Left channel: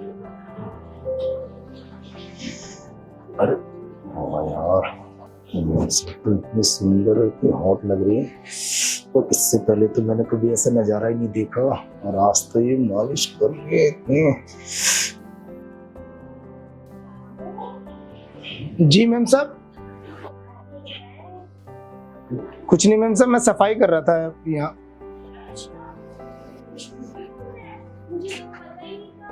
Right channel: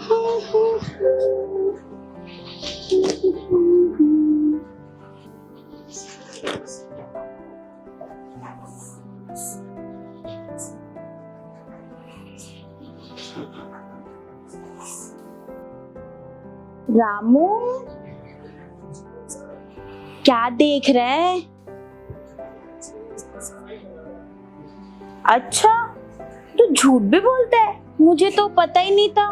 अरे यार, इतनी सुंदर और इतनी हॉट लग रही है। तो इससे पहले तो मैंने कभी ऐसा नजारा ही नहीं देखा, और आज तो ये मालिश कर रही है इतनी। रामू, जी मैम साहब। क्या देख रहे हैं? कुछ नहीं मैम साहब, मैं सफाई कर रहा था यहाँ। अच्छा, तू झूठ भी बोलता है, मुझे तो पता ही नहीं था।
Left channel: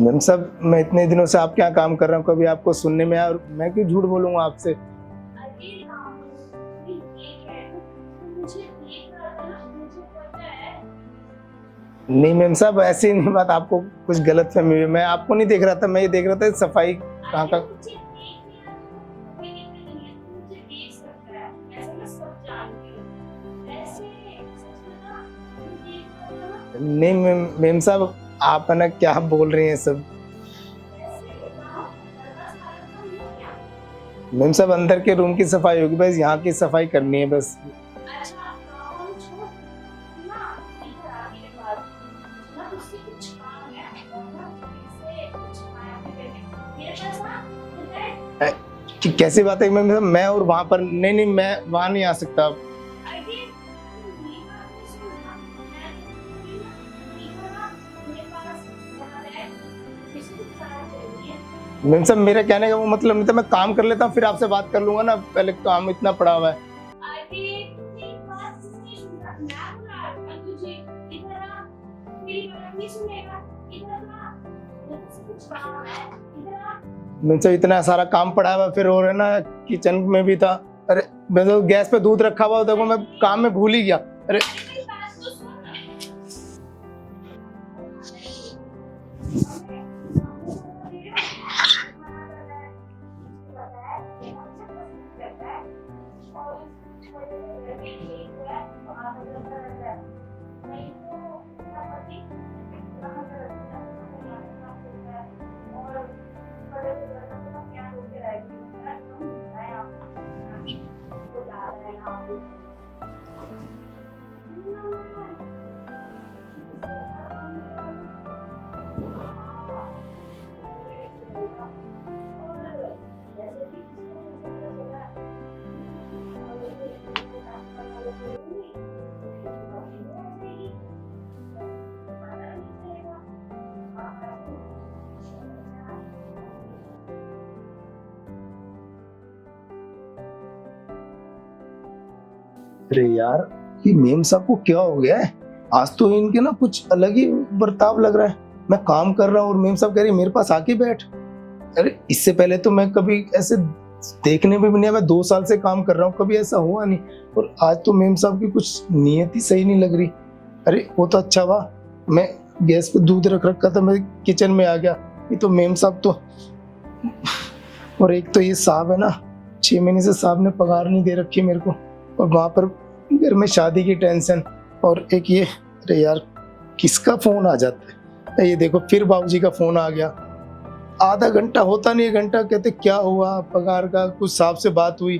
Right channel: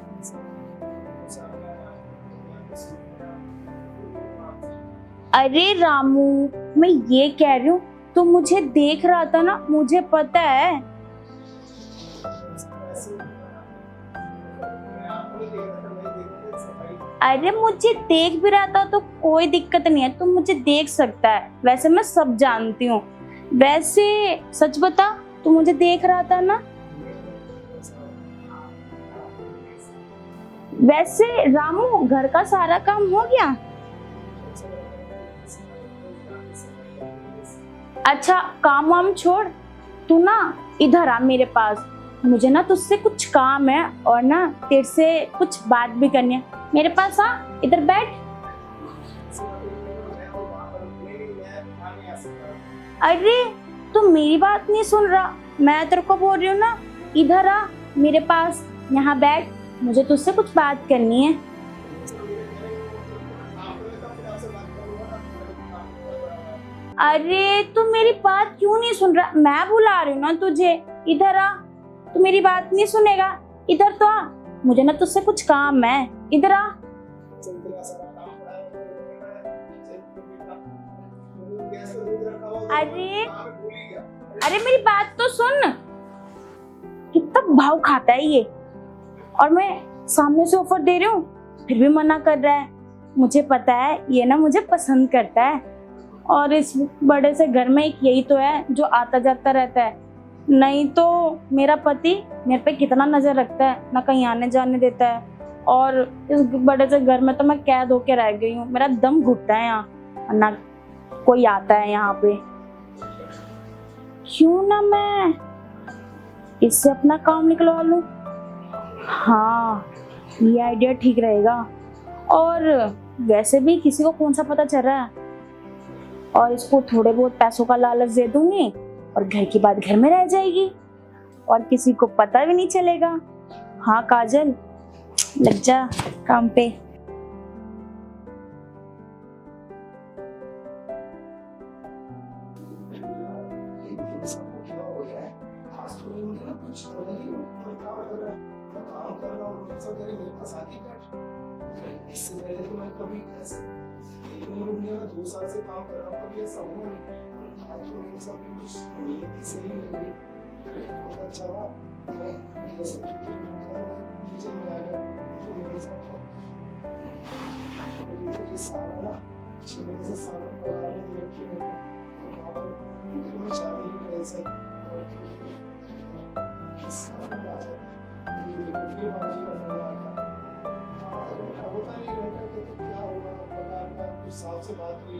मैम साहब, मैं इतने दिनों से आपके यहाँ काम कर रहा हूँ, कभी आपको सुनने में आया, और मैं क्यों झूठ बोलूंगा आपसे। अरे रामू, मैं ये कह रही हूँ, तू मुझे देख रहा था ना, मुझे पता है। नहीं मैम साहब, ऐसी नहीं बात, आपको कुछ गलत फहमी हुई है। मैं आपको नहीं देख रहा था, मैं ये देख रहा था सफाई। अरे मुझे देख भी रहा था तो कोई दिक्कत नहीं है, तू मुझे देख सकता है, वैसे मैं सब जानती हूँ। वैसे सच बता, तू मुझे देख रहा था ना? नहीं मैम साहब, आप है ना क्या बोल रही हैं सब। वैसे रामू, घर का सारा काम हो गया? मैम साहब, अंदर के रूम की सफाई होगी, बस यहाँ की सफाई करनी है बस। अच्छा, काम वाम छोड़, तू ना इधर आ मेरे पास। मुझे ना तुझसे कुछ काम है, और ना तेरे से कुछ बात भी करनी है। मेरे पास आ, इधर बैठ। कैसी बात है मैम साहब, मैं और वहाँ पर? नहीं, मैं वहाँ नहीं आ सकता। अरे तू मेरी बात नहीं सुन रहा, मैं तेरे को बोल रही हूँ ना, इधर आ मेरे पास, यहाँ बैठ, मुझे तुझसे कुछ बात करनी है। मैम साहब, मेरा कहने का वो मतलब नहीं था, मैं काम कर लेता हूँ फिर आपसे बात कर लूंगा ना, पहले काम इतना पड़ा हुआ है। अरे तू मेरी बात क्यों नहीं सुन रहा? मैं बुला रही हूँ ना तुझे, इधर आ। तू मेरी बात नहीं सुनेगा, इधर तो आ, मुझे ना तुझसे कुछ काम है, इधर आ। मैम साहब, इतना सारा काम पड़ा हुआ फिर, और है ना किचन में भी था। अरे मैं तो गैस पे दूध रखा हुआ, देखो मैं काम में भूल ही गया। अरे मेरी बात तो सुन, कितना भाव खाता है ये, और मैं सामने से ऑफर दे रही हूँ फिर भी मना कर रहा है। मुझे पता है ये ना मुझे पसंद करता है, और इस बड़े से घर में एक यही तो है जो आता जाता रहता है, नहीं तो मेरा पति मेरे पे कितना नजर रखता है, ना कहीं आने जाने देता है, और इस बड़े से घर में तो मैं कैद होके रह गई हूँ। मेरा दम घुटता है यहाँ, और ना कोई आता है यहाँ पे। क्यों ना मैं इससे अपना काम निकलवा लूं? हाँ, ये आइडिया ठीक रहेगा। और वैसे भी किसी को कौन सा पता चल रहा है, और इसको थोड़े बहुत पैसों का लालच दे दूंगी, और घर की बात घर में रह जाएगी, और किसी को पता भी नहीं चलेगा। हाँ काजल, लग जा काम पे। अरे यार, ये मेम साहब को क्या हो गया है? आज तो इनके ना कुछ अलग ही बर्ताव लग रहा है। मैं काम कर रहा हूँ और मेम साहब कह रही मेरे पास आके बैठ। अरे इससे पहले तो मैं कभी ऐसे देखने में भी नहीं आया, मैं 2 साल से काम कर रहा हूँ, कभी ऐसा हुआ नहीं। और आज तो मेम साहब की कुछ नीयत ही सही नहीं लग रही। अरे वो तो अच्छा हुआ मैं गैस पे दूध रख रखा था, मैं किचन में आ गया। ये तो मेम साहब तो, और एक तो ये साहब है ना, 6 महीने से साहब ने पगार नहीं दे रखी मेरे को, और वहां पर घर में शादी की टेंशन, और एक ये। अरे यार, किसका फोन आ जाता है? ये देखो फिर बाबूजी का फोन आ गया। आधा घंटा होता नहीं, घंटा कहते क्या हुआ पगार का, कुछ साहब से बात हुई।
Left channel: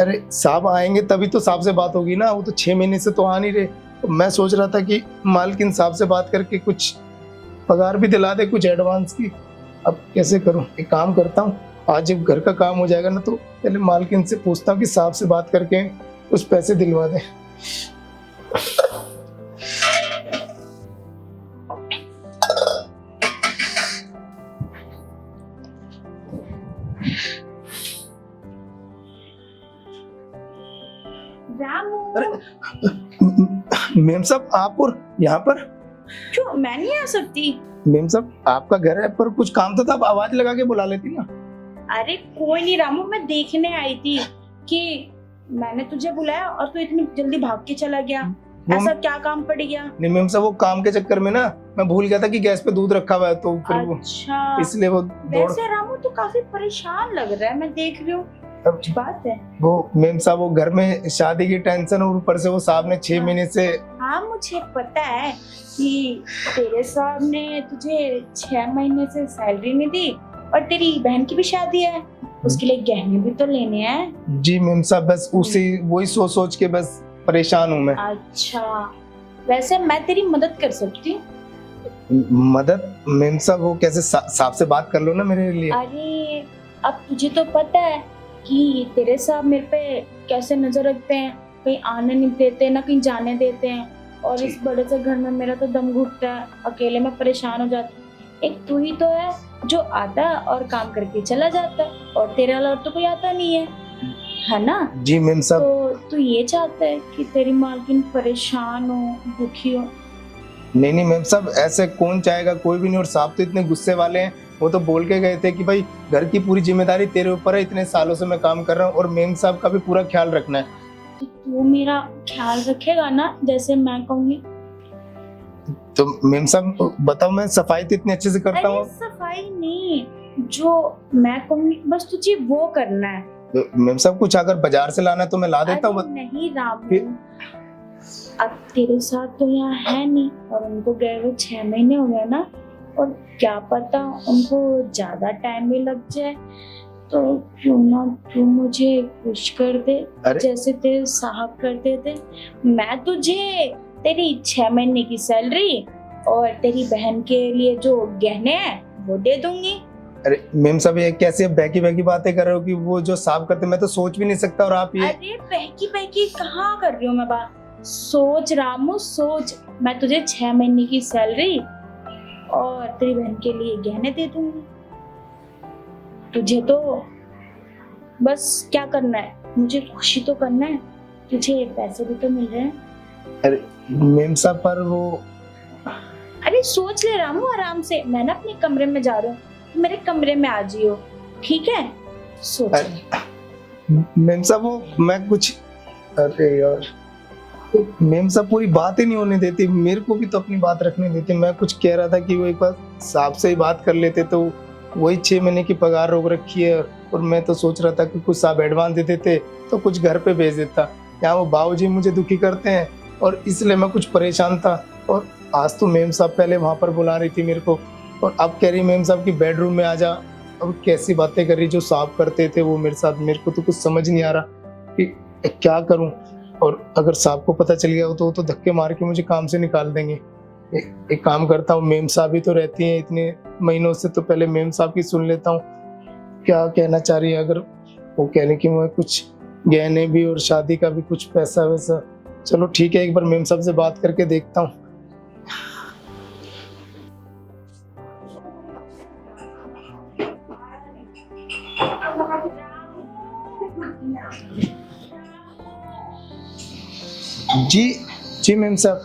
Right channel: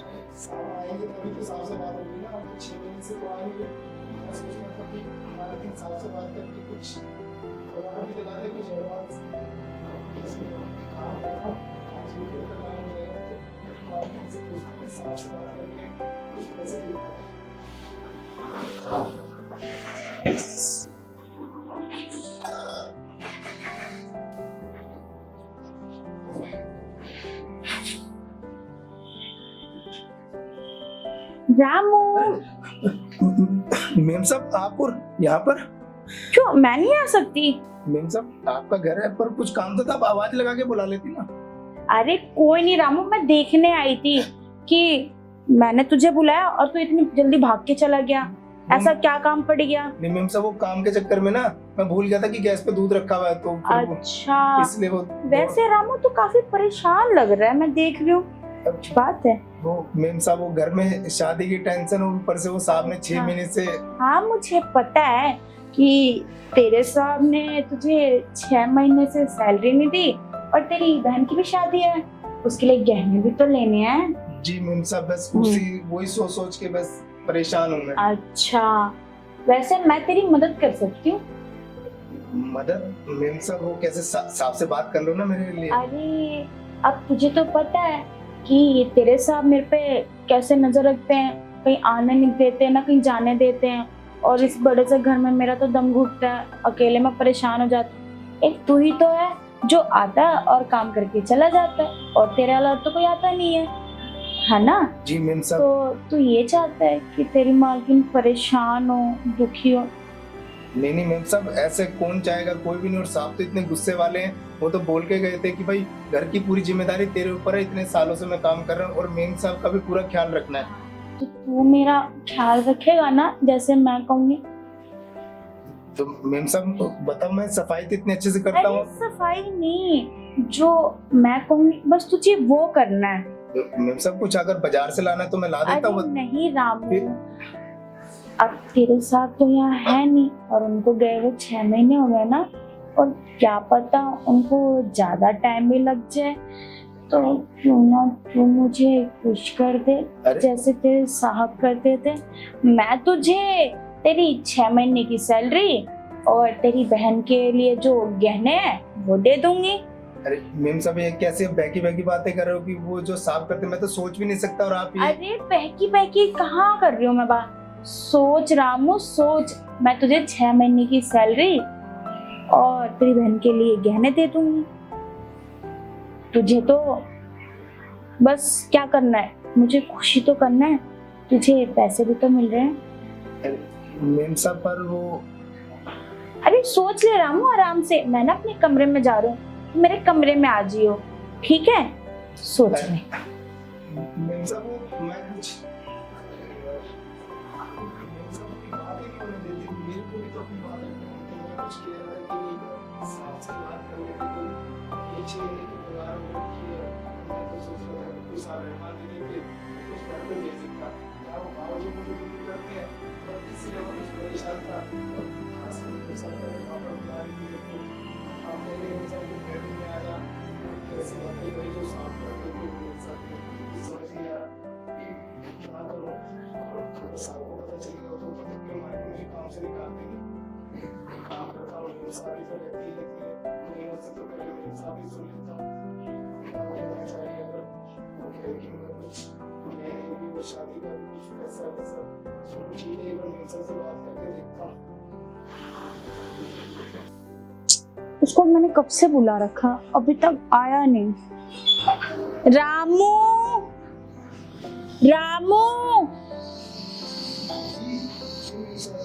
अरे साहब आएंगे तभी तो साहब से बात होगी ना, वो तो 6 महीने से तो आ नहीं रहे। तो मैं सोच रहा था कि मालकिन साहब से बात करके कुछ पगार भी दिला दे, कुछ एडवांस की। अब कैसे करूं? एक काम करता हूँ, आज जब घर का काम हो जाएगा ना, तो पहले मालकिन से पूछता हूँ कि साहब से बात करके कुछ पैसे दिलवा दे। रामू, मेम साहब आप और यहाँ पर? क्यों मैं नहीं आ सकती? मेम साहब आपका घर है, पर कुछ काम था, आप आवाज लगा के बुला लेती ना। अरे कोई नहीं रामू, मैं देखने आई थी कि मैंने तुझे बुलाया और तू इतनी जल्दी भाग के चला गया। ऐसा क्या काम पड़ गया? नहीं मेम साहब, वो काम के चक्कर में ना मैं भूल गया था कि गैस पे दूध रखा हुआ है, तो फिर अच्छा, इसलिए वो वैसे रामू तो काफी परेशान लग रहा है, मैं देख रही हूँ। कुछ बात है? वो मेम साहब, वो घर में शादी की टेंशन, और ऊपर से वो साहब ने 6 महीने से। हाँ मुझे पता है कि तेरे साहब ने तुझे 6 महीने से सैलरी नहीं दी, और तेरी बहन की भी शादी है, उसके लिए गहने भी तो लेने हैं। जी मेम साहब, बस उसी वही सोच सोच के बस परेशान हूँ मैं। अच्छा, वैसे मैं तेरी मदद कर सकती हूँ। मदद मेम साहब, वो कैसे साहब से बात कर लो ना मेरे लिए। अरे अब तुझे तो पता है कि तेरे साहब मेरे पे कैसे नजर रखते हैं, कहीं आने नहीं देते ना कहीं जाने देते हैं, और इस बड़े से घर में मेरा तो दम घुटता है, अकेले में परेशान हो जाती हूँ। एक तू ही तो है जो आता है और काम करके चला जाता है, और तेरे अलावा तो कोई आता नहीं है ना। जी मेम साहब। तो तू ये चाहता है कि तेरी मालकिन परेशान हो, दुखी हो? नहीं मेम साहब, ऐसे कौन चाहेगा, कोई भी नहीं। और साहब तो इतने गुस्से वाले हैं, वो तो बोल के गए थे कि भाई घर की पूरी जिम्मेदारी तेरे ऊपर है, इतने सालों से मैं काम कर रहा हूँ और मेम साहब का भी पूरा ख्याल रखना है। तो तू मेरा ख्याल रखेगा ना जैसे मैं कहूँगी? तो मेम साहब बताओ, मैं सफाई तो इतनी अच्छे से करता अरे हूँ। सफाई नहीं, जो मैं कहूँगी बस तुझे वो करना है। तो मेम साहब कुछ अगर बाजार से लाना है तो मैं ला देता अरे हूँ। नहीं रामू, फिर? अब तेरे साथ तो यहाँ है नहीं, और उनको गए हुए 6 महीने हो गए ना, और क्या पता उनको ज्यादा टाइम भी लग जाए, तो क्यों ना तू मुझे खुश कर दे अरे? जैसे तेरे साहब करते थे। मैं तुझे तेरी 6 महीने की सैलरी और तेरी बहन के लिए जो गहने हैं वो दे दूंगी। अरे मेम साहब, ये कैसे बहकी बहकी बातें कर रहे हो कि वो जो साहब करते, मैं तो सोच भी नहीं सकता। और आप ये अरे बहकी बहकी कहाँ कर रही हूँ मैं बात? सोच रामू सोच, मैं तुझे 6 महीने की सैलरी और तेरी बहन के लिए गहने दे दूंगी। तुझे तो बस क्या करना है, मुझे खुशी तो करना है, तुझे पैसे भी तो मिल रहे हैं। अरे मेम साहब, पर वो अरे सोच ले रामू आराम से, मैं ना अपने कमरे में जा रही हूँ, मेरे कमरे में आ जियो, ठीक है? सोच ले। मेम साहब, वो मैं कुछ, अरे यार मेम साहब पूरी बात ही नहीं होने देती, मेरे को भी तो अपनी बात रखने देती। मैं कुछ कह रहा था कि वो एक बार साहब से ही बात कर लेते, तो वही 6 महीने की पगार रोक रखी है। और मैं तो सोच रहा था कि कुछ साहब एडवांस दे देते तो कुछ घर पे भेज देता। यहाँ वो बाबूजी मुझे दुखी करते हैं और इसलिए मैं कुछ परेशान था। और आज तो मेम साहब पहले वहां पर बुला रही थी मेरे को, और अब कह रही मेम साहब की बेडरूम में आ जा। अब कैसी बातें कर रही जो साहब करते थे वो मेरे साथ, मेरे को तो कुछ समझ नहीं आ रहा कि क्या करूं। और अगर साहब को पता चल गया हो तो वो तो धक्के मार के मुझे काम से निकाल देंगे। एक काम करता हूँ, मेम साहब ही तो रहती हैं इतने महीनों से, तो पहले मेम साहब की सुन लेता हूँ क्या कहना चाह रही है। अगर वो कह रही कि मैं कुछ गहने भी और शादी का भी कुछ पैसा वैसा, चलो ठीक है, एक बार मेम साहब से बात करके देखता हूँ। उसको मैंने कब से बुला रखा, अभी तक आया नहीं। रामू, रामू। जी जी मेम साहब।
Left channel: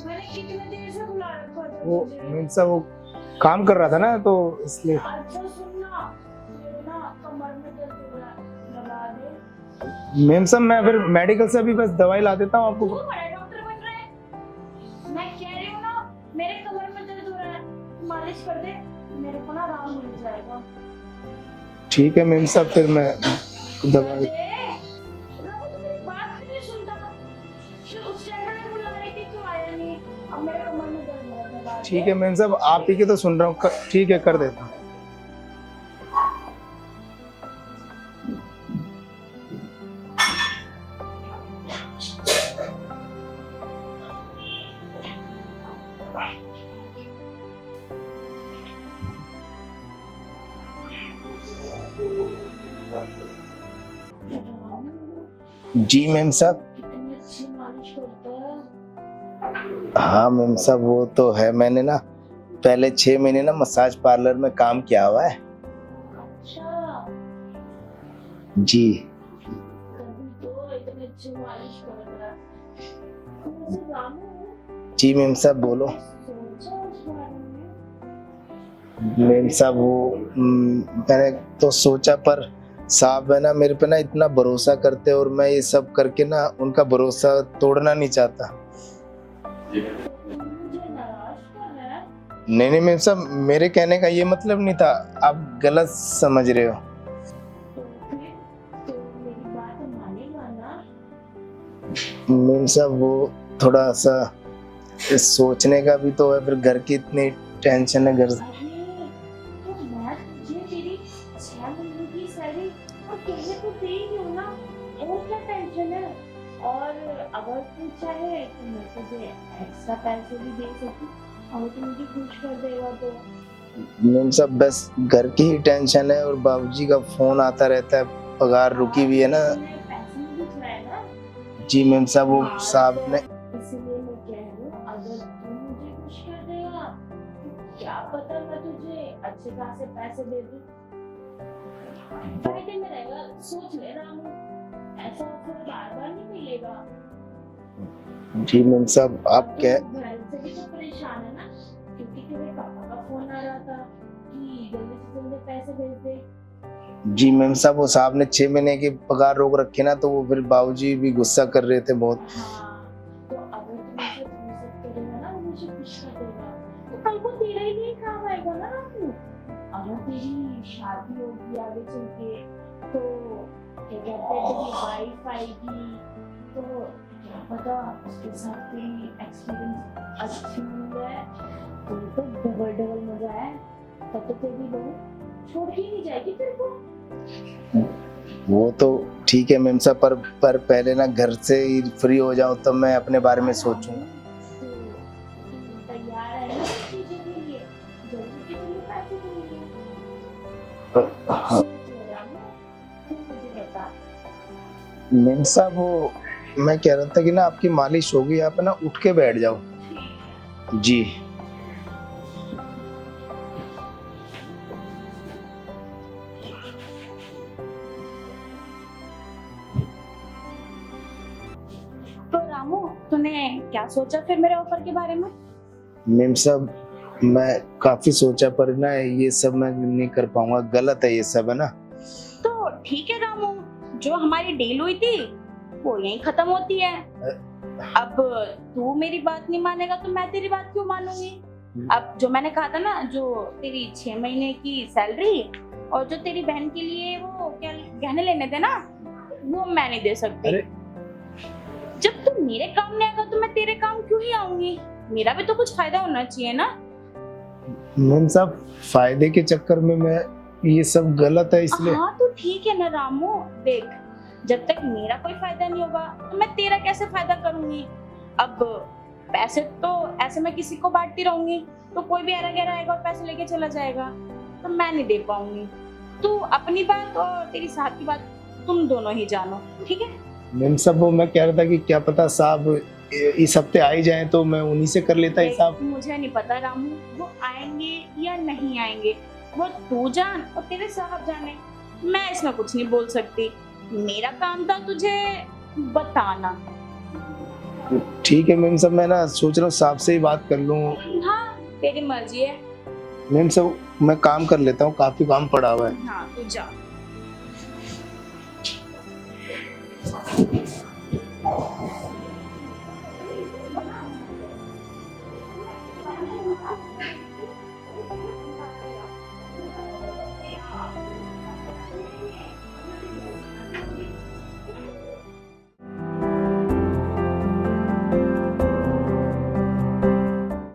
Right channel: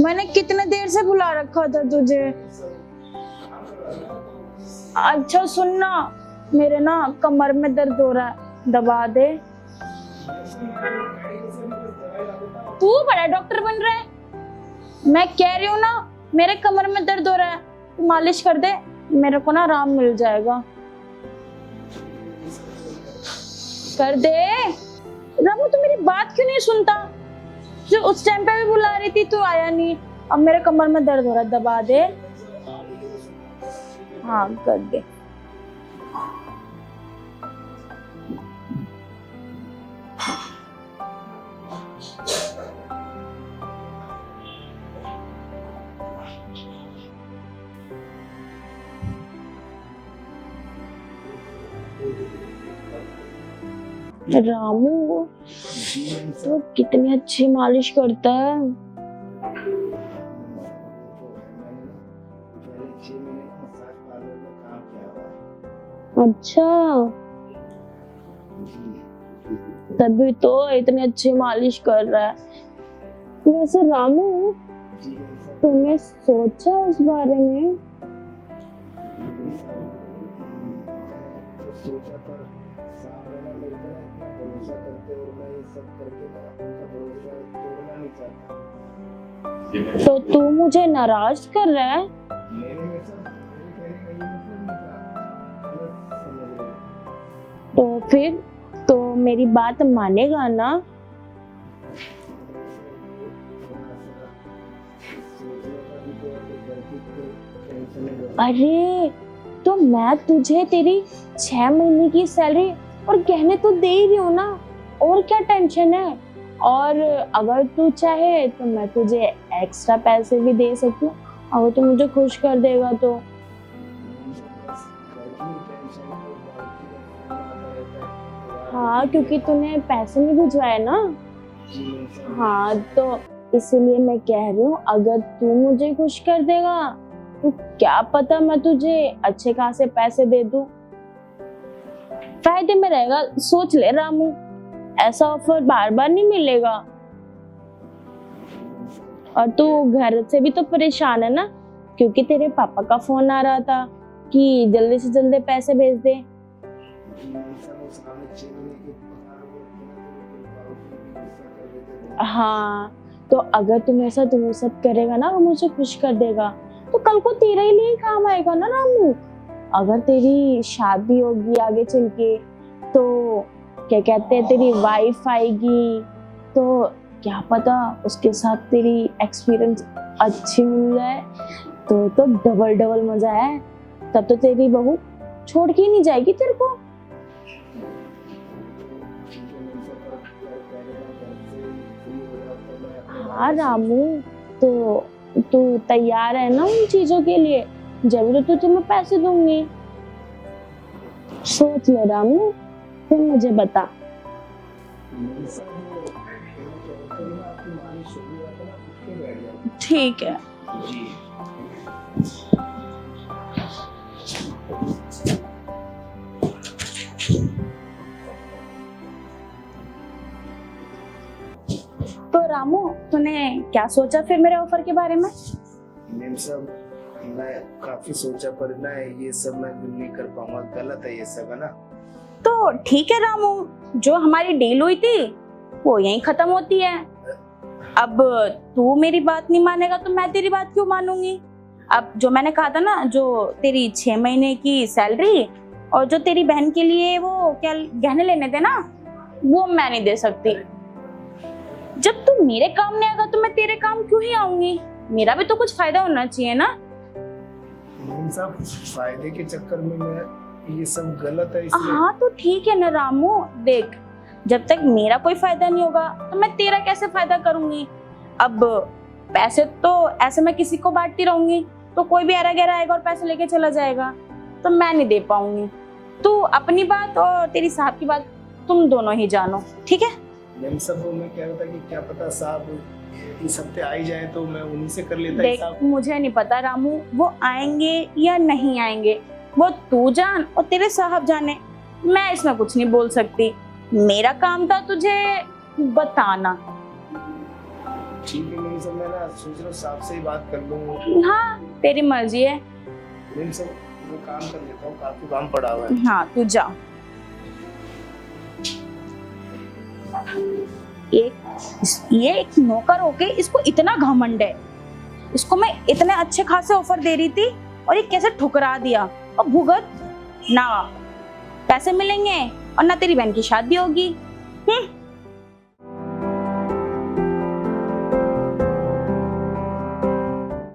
मैंने कितने देर से बुला रखा था तुझे? मेम साहब वो काम कर रहा था ना, तो इसलिए। अच्छा सुनना, मेरे ना कमर में दर्द हो रहा है, दबा दे। मेम साहब मैं फिर मेडिकल से अभी बस दवाई ला देता हूँ आपको। तू बड़ा डॉक्टर बन रहा है, मैं कह रही हूँ ना मेरे कमर में दर्द हो रहा है, तू मालिश कर दे, मेरे को ना आराम मिल जाएगा। ठीक है मेम साहब, फिर मैं कर दे। रामू तू मेरी बात क्यों नहीं सुनता? जो उस टाइम पे भी बुला रही थी तू आया नहीं, अब मेरे कमर में दर्द हो रहा है, दबा दे। ठीक है मेम साहब, आप ही की तो सुन रहा हूँ। ठीक है, कर दे। कर दे। रामू जी मेम साहब। कितनी अच्छी मालिश करता है। हाँ मेम साहब, वो तो है, मैंने ना पहले 6 महीने ना मसाज पार्लर में काम किया हुआ है। अच्छा जी। तभी तो इतनी अच्छी मालिश कर रहा है। वैसे रामू, जी मेम साहब बोलो। तुमने सोचा उस बारे में? मेम साहब वो मैंने तो सोचा, पर साहब है ना मेरे पे ना इतना भरोसा करते हैं, और मैं ये सब करके ना उनका भरोसा तोड़ना नहीं चाहता। तो तू मुझे नाराज कर रहा है? नहीं मेम साहब, मेरे कहने का ये मतलब नहीं था, आप गलत समझ रहे हो। तो फिर तो मेरी बात मानेगा ना? मेम साहब वो थोड़ा सा सोचने का भी तो है, फिर घर की इतनी टेंशन है घर। अरे तो मैं तुझे तेरी 6 महीने की सैलरी और गहने तो दे ही रही हूँ ना, और क्या टेंशन है? और अगर तू चाहे तो मैं तुझे एक्स्ट्रा पैसे भी दे सकती हूँ, अगर तू मुझे खुश कर देगा तो। मेम साहब बस घर की ही टेंशन है और बाबूजी का फोन आता रहता है, पगार रुकी हुई है ना। तूने पैसे नहीं भिजवाए ना। जी मेम साहब, वो साहब तो ने। इसीलिए मैं कह रही हूँ अगर तू मुझे खुश कर देगा तो क्या पता मैं तुझे अच्छे खासे पैसे दे दूं, फायदे में रहेगा। सोच ले रामू, ऐसा ऑफर बार बार नहीं मिलेगा। जी मेम साहब, और आप तू घर से भी तो परेशान है ना, क्योंकि तेरे पापा का फोन आ रहा था कि जल्दी से जल्दी पैसे भेज दे। जी मेम साहब, वो साहब ने 6 महीने की पगार रोक रखी ना, तो वो फिर बाबूजी भी गुस्सा कर रहे थे बहुत। हाँ, तो अगर तुम ऐसा सब करेगा ना, मुझे खुश कर देगा, तो कल को तेरे ही लिए काम आएगा ना रामू। अगर तेरी शादी होगी आगे चल के, तो क्या कहते हैं, तेरी वाइफ आएगी, तो क्या पता उसके साथ तेरी एक्सपीरियंस अच्छी मिल जाए, तो डबल डबल मजा है। तब तो तेरी बहू छोड़ के ही नहीं जाएगी तेरे को। वो तो ठीक है मेम साहब, पर पहले ना घर से ही फ्री हो जाऊं तब मैं अपने बारे में सोचूं। तो तू तैयार है ना उन चीजों के लिए, जब तो तुम्हें पैसे दूंगी। सोच ले रामू, फिर मुझे बता। मेम साहब, वो मैं कह रहा था कि ना आपकी मालिश होगी, आप ना उठ के बैठ जाओ। ठीक है। जी। तो रामू, तूने क्या सोचा फिर मेरे ऑफर के बारे में? मेम साहब, मैं काफी सोचा, पर ना ये सब मैं नहीं कर पाऊंगा, गलत है ये सब, है ना। तो ठीक है रामू, जो हमारी डील हुई थी वो यहीं खत्म होती है। अब तू मेरी बात नहीं मानेगा तो मैं तेरी बात क्यों मानूंगी। अब जो मैंने कहा था ना, जो तेरी 6 महीने की सैलरी और जो तेरी बहन के लिए वो क्या गहने लेने थे ना, वो मैं नहीं दे सकती। जब तू मेरे काम नहीं आएगा तो मैं तेरे काम क्यों ही आऊंगी। मेरा भी तो कुछ फायदा होना चाहिए ना। मेम साहब, फायदे के चक्कर में मैं ये सब गलत है इसलिए। हाँ तो ठीक है ना रामू, देख जब तक मेरा कोई फायदा नहीं होगा तो मैं तेरा कैसे फायदा करूंगी। अब पैसे तो ऐसे मैं किसी को बांटती रहूंगी तो कोई भी ऐरा गैरा आएगा और पैसे लेके चला जाएगा, तो मैं नहीं दे पाऊंगी। तू अपनी बात और तेरी साहब की बात तुम दोनों ही जानो, ठीक है। मेम साहब, वो मैं कह रहा था कि क्या पता साहब इस हफ्ते आ ही जाए तो मैं उन्हीं से कर लेता है साहब। मुझे नहीं पता रामू, वो आएंगे या नहीं आएंगे वो तू जान और तेरे साहब जाने, मैं इसमें कुछ नहीं बोल सकती। मेरा काम था तुझे बताना। ठीक है मेम साहब, मैं ना सोच रहा हूँ साहब से ही बात कर लूँ। हाँ तेरी मर्जी है। मेम साहब, मैं काम कर लेता हूँ, काफी काम पड़ा हुआ है। हाँ तू जा। ये एक नौकर होके इसको इतना घमंड है, इसको मैं इतने अच्छे खासे ऑफर दे रही थी और ये कैसे ठुकरा दिया। और भुगत ना पैसे मिलेंगे और ना तेरी बहन की शादी होगी।